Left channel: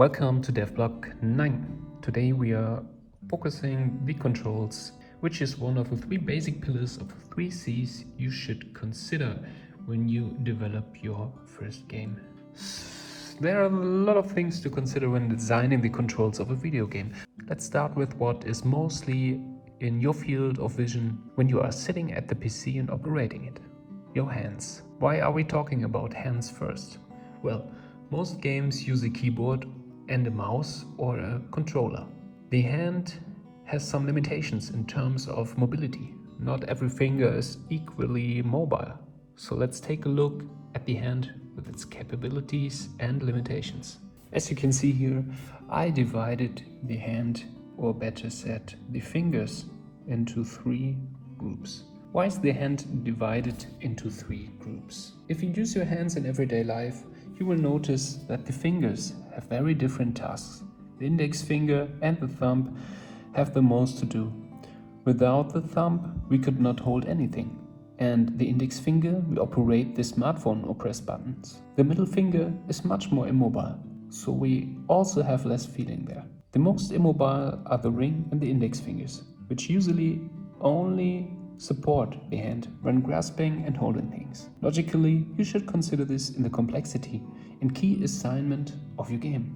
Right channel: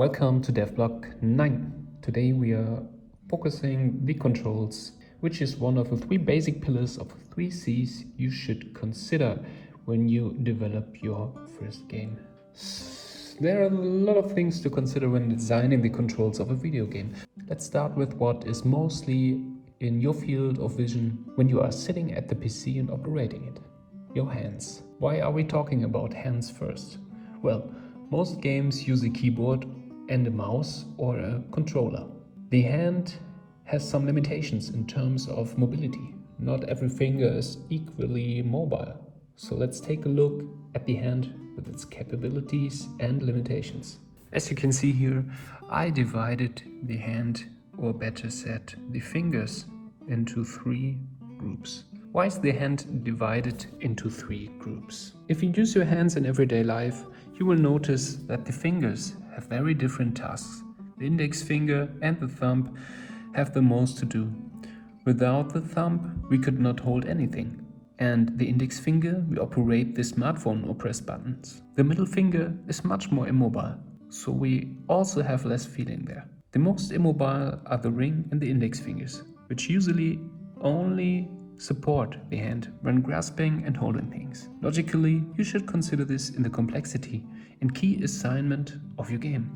Welcome to DevBlock 9. Today we are focusing the controls, which is one of the three basic pillars of 3 C's you should consider when you develop your first game. There are a lot of things to consider when designing the controls of a video game. Let's start with what is mostly in your field of vision when you are sitting at the PC and operating it. Your hands. Why are we talking about hands first? Well, most games use a keyboard and a mouse or a controller. The hand has some limitations in terms of mobility. Not every finger is equally mobile. So let's take a look at the hand with its capabilities and limitations. As you can see here, I divided the hand, or better said, the fingers, into 3 groups. Why is the hand divided into 3 groups? If you use your hands in everyday life, you will notice that the fingers have very different tasks. The index finger and the thumb have the most to do. Without the thumb, we could not hold anything. And the index finger, we operate the smartphone or press buttons. The middle finger is much more immobile, so we also have less feeling there. The most immobile are the ring and the index fingers, which usually only support the hand when grasping and holding things. Logically, you should consider this in the complexity and key assignment of your game.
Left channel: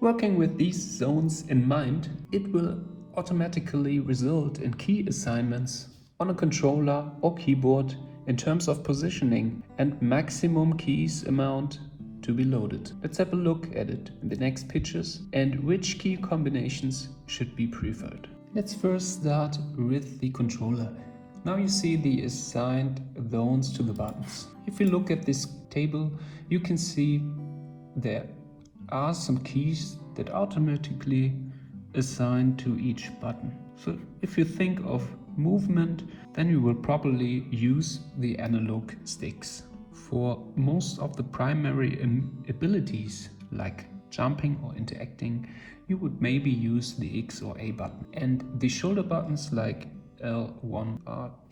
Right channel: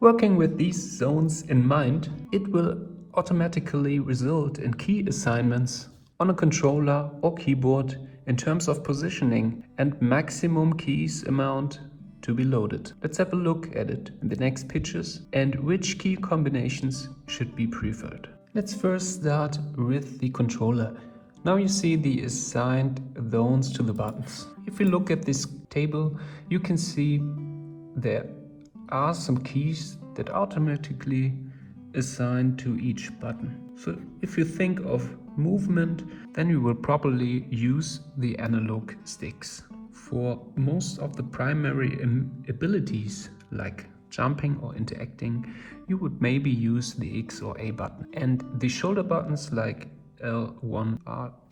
Working with these zones in mind, it will automatically result in key assignments on a controller or keyboard in terms of positioning and maximum keys amount to be loaded. Let's have a look at it in the next pictures and which key combinations should be preferred. Let's first start with the controller. Now you see the assigned zones to the buttons. If you look at this table, you can see there are some keys that automatically assign to each button. So if you think of movement, then you will probably use the analog sticks. For most of the primary abilities like jumping or interacting, you would maybe use the X or A button. And the shoulder buttons like L1,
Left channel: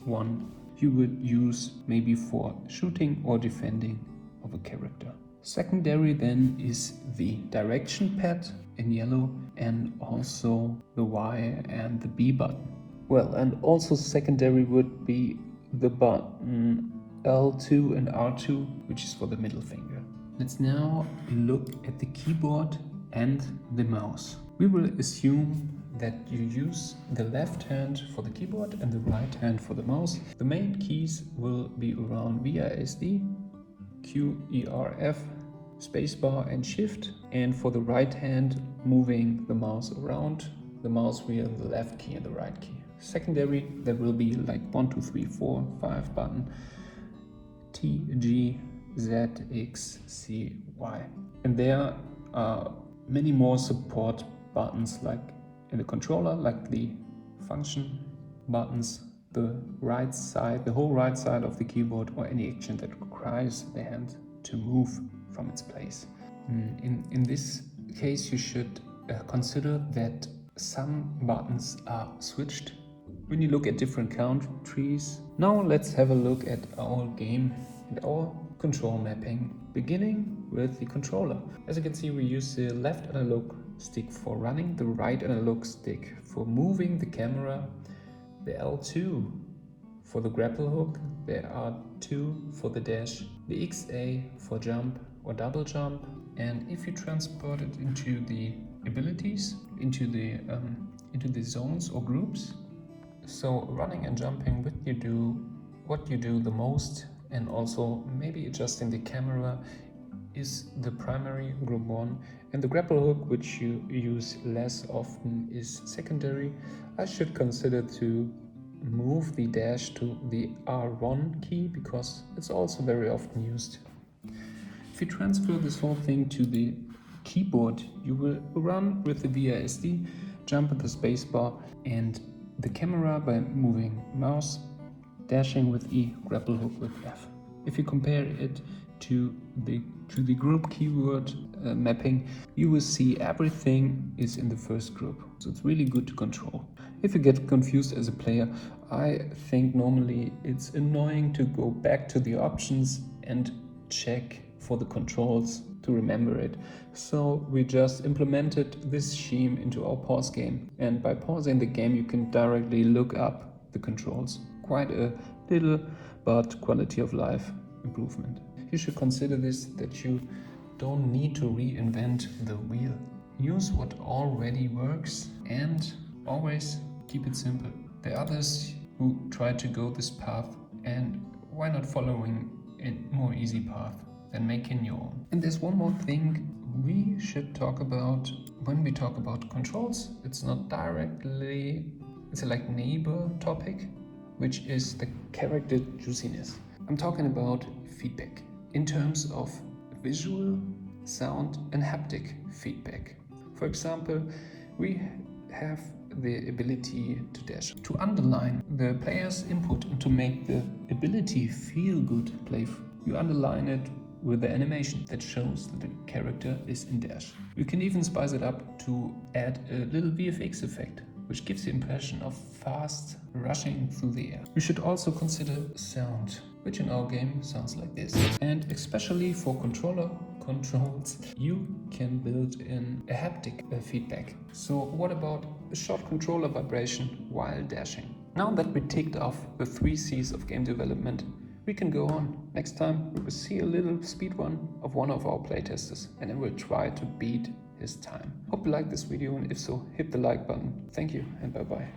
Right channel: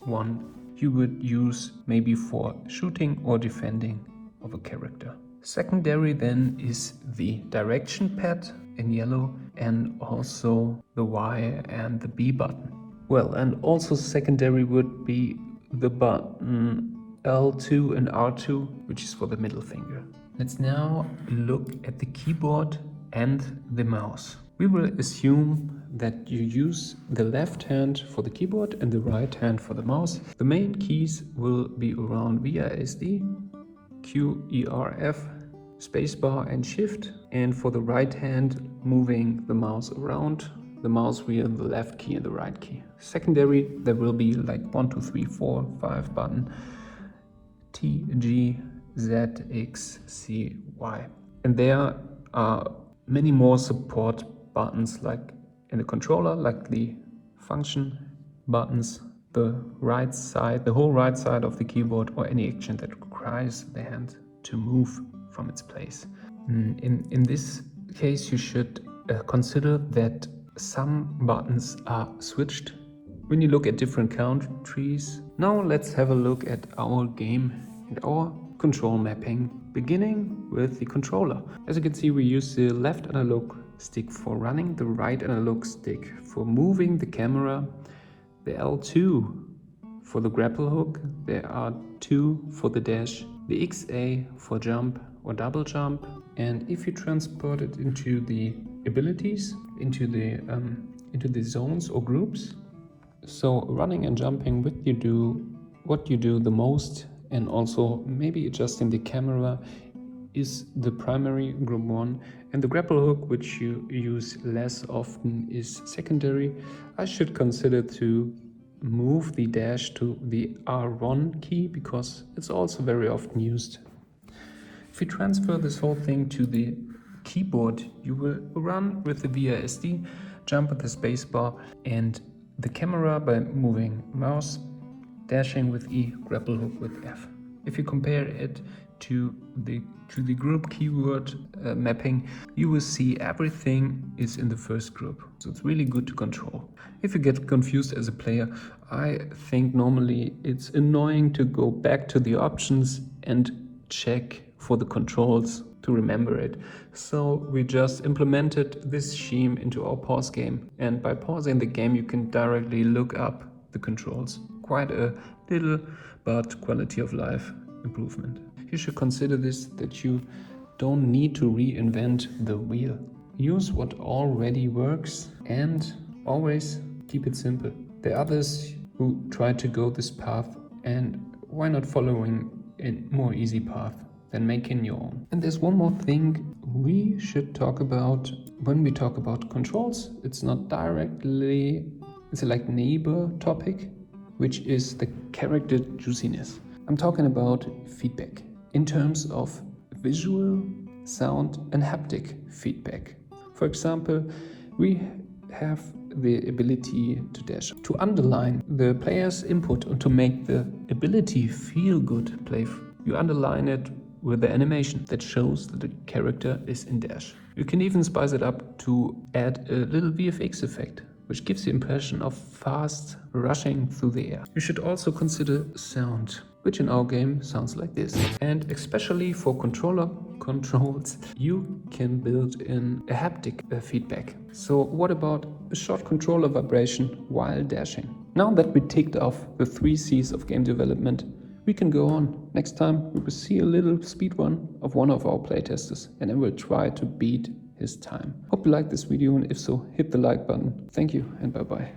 R1, you would use maybe for shooting or defending of a character. Secondary then is the direction pad in yellow and also the Y and the B button. Well, and also secondary would be the button L2 and R2, which is for the middle finger. Let's now look at the keyboard and the mouse. We will assume that you use the left hand for the keyboard and the right hand for the mouse. The main keys will be around WASD, Q, E, R, F, spacebar and shift, and for the right hand moving the mouse around the mouse wheel, the left key and the right key. Secondary, there will be like 1, 2, 3, 4, 5 button, T, G, Z, X, C, Y. And there are many more support buttons like in the controller, like the function buttons, the right side, the whole right side of the keyboard, or any action that requires the hand to move from its place. In this case, you should consider that some buttons are switched when you look at different countries. Now let's have a look at our game and our control mapping, beginning with the controller. As you can see, we use the left analog stick for running, the right analog stick for moving the camera, the L2 for the grapple hook, there are 2 for the dash, the XA for jump or double jump. And if you transport it into the abilities, into the zones or groups, so running and jumping, what you do the most, and also maybe adjusting the camera is the primary group 1, and the grapple hook, which you use less often, is secondary. I should consider to move the dash to the R1 key because it's also very often used. If you transfer this whole thing to the keyboard, you will run with the WASD, jump with the spacebar, and the camera by moving mouse, dashing with E, grapple hook with F. If you compare it to the group keyword mapping, you will see everything is in the first group. So it's really good to control. If you get confused as a player, I think normally it's annoying to go back to the options and check for the controls to remember it. So we just implemented this scheme into our pause game, and by pausing the game you can directly look up the controls. Quite a little but quality of life improvement. You should consider this, that you don't need to reinvent the wheel. Use what already works and always keep it simple. There are others who try to go this path, and why not following a more easy path than making your own? And there's one more thing we should talk about when we talk about controls. It's not directly, it's a like neighbor topic, which is the character juiciness. I'm talking about feedback in terms of visual, sound and haptic feedback. For example, we have the ability to dash, to underline the player's input or to make the ability feel good play. You underline it with the animation that shows that the character is in dash. You can even spice it up to add a little VFX effect, which gives the impression of fast rushing through the air. You should also consider sound, which in our game sounds like this. And especially for controller controls, you can build in a haptic feedback. So what about a short controller vibration while dashing? Now that we ticked off the 3 C's of game development, we can go on. Next time we will see a little speedrun of one of our playtesters, and then we'll try to beat his time. Hope you liked this video, and if so, hit the like button. Thank you and bye bye.